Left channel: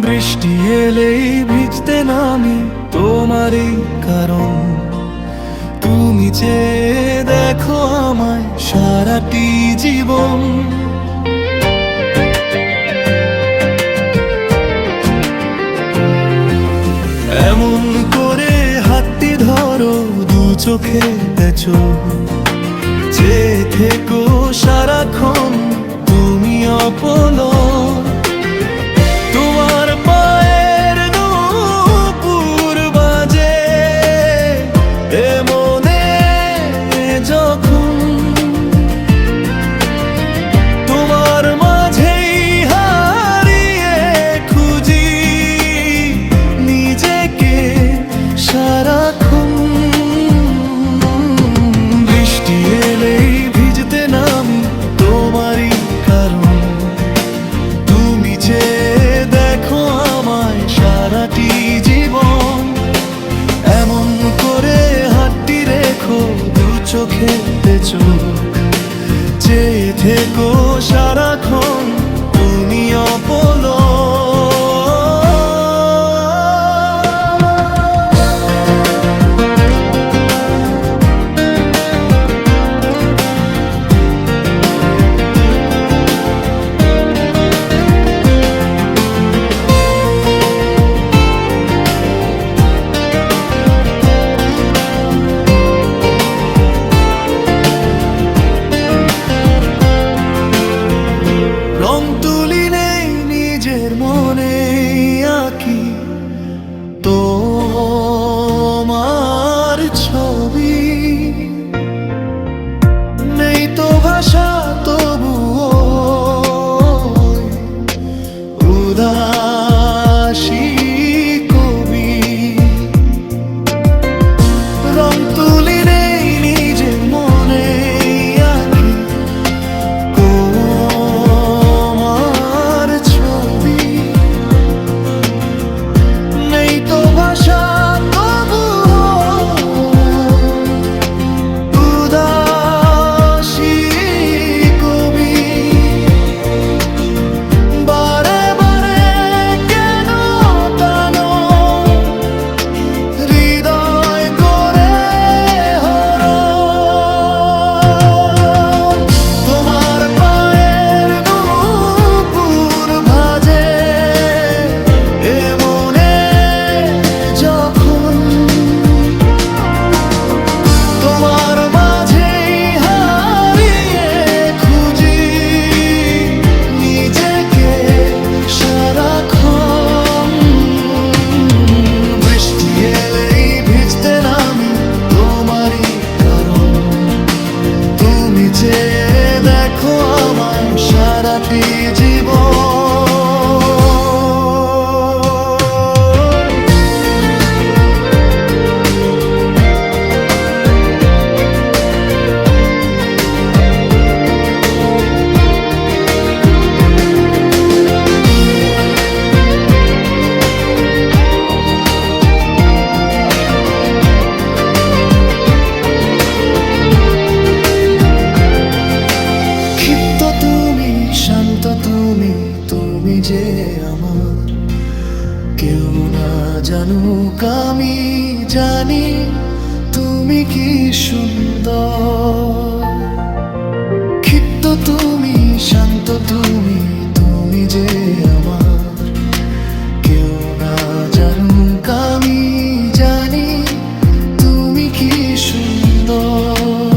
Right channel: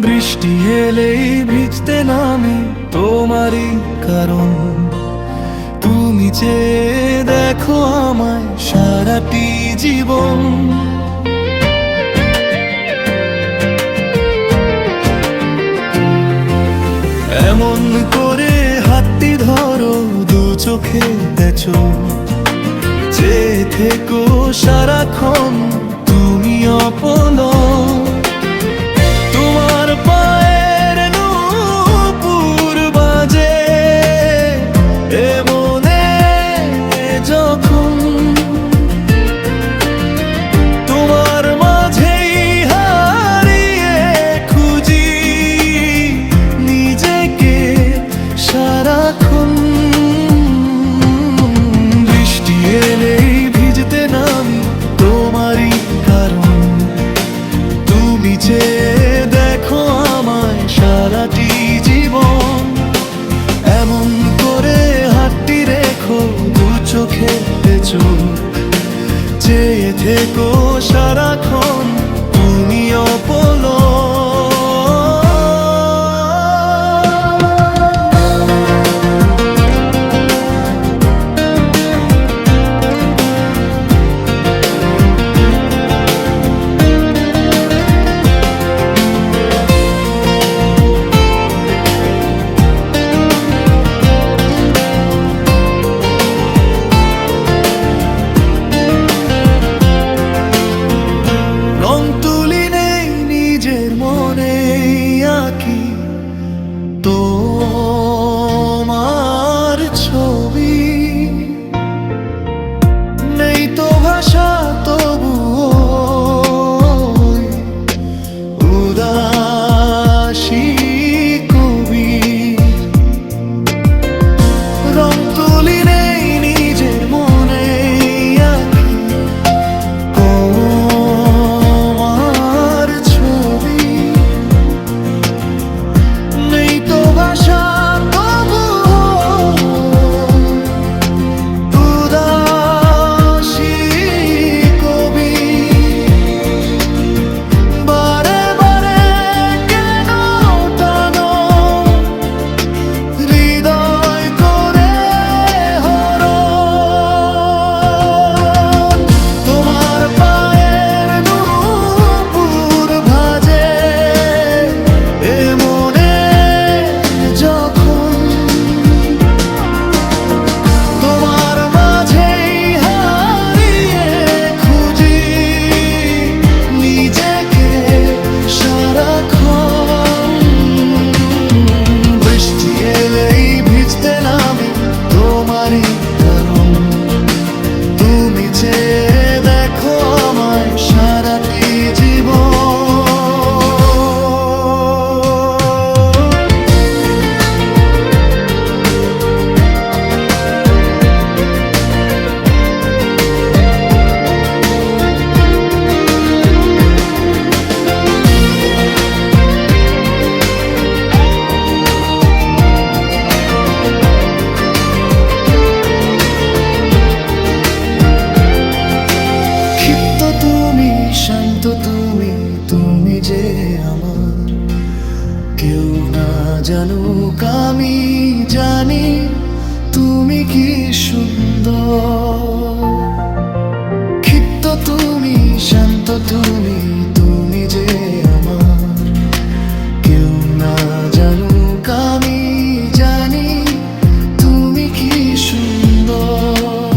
বৃষ্টি এলেই ভিজতে নামি তোমারই কারণ। তুমি চেয়ে দেখো আমায় সারাটি জীবন। এমন করে হাতটি ধরো দু চোখে তেছো, চেয়ে থেকো সারাক্ষণ তুমি অপলক। তোমার পায়ের নূপুর বাজে এ মনে যখন, তোমার মাঝেই হারিয়ে খুঁজি নিজেকে সারাক্ষণ। বৃষ্টি এলেই ভিজতে নামি তোমারই কারণ। তুমি চেয়ে দেখো আমায় সারাটি জীবন। এমন করে হাতটি রেখো দু চোখে চোখ, চেয়ে থেকো সারাক্ষণ তুমি অপলক। রং তুলি নেই নিজের মনে আঁকি তোমার ছবি, নেই তো ভাষা তবুও উদাসী কবি। রং তুলি নেই নিজের মনে আঁকি তো ভাষা তবুও উদাসী কবি। বারে বারে কেন টানো হৃদয় করে হরণ। তোমার পায়ের নূপুর ভাজে এ মনে যখন, তোমার মাঝেই হারিয়ে খুঁজি নিজেকে সারাক্ষণ। বৃষ্টি এলেই ভিজতে নামি তোমারই কারণ। তুমি চেয়ে দেখো আমায় সারাটি জীবন। ক্ষিপ্ত তুমি, শান্ত তুমি, তুমি যে আমার। কেউ না জানুক আমি জানি তুমি কি সুন্দর। ক্ষিপ্ত তুমি, শান্ত তুমি, তুমি যে আমার। কেউ না জানুক আমি জানি তুমি কি সুন্দর।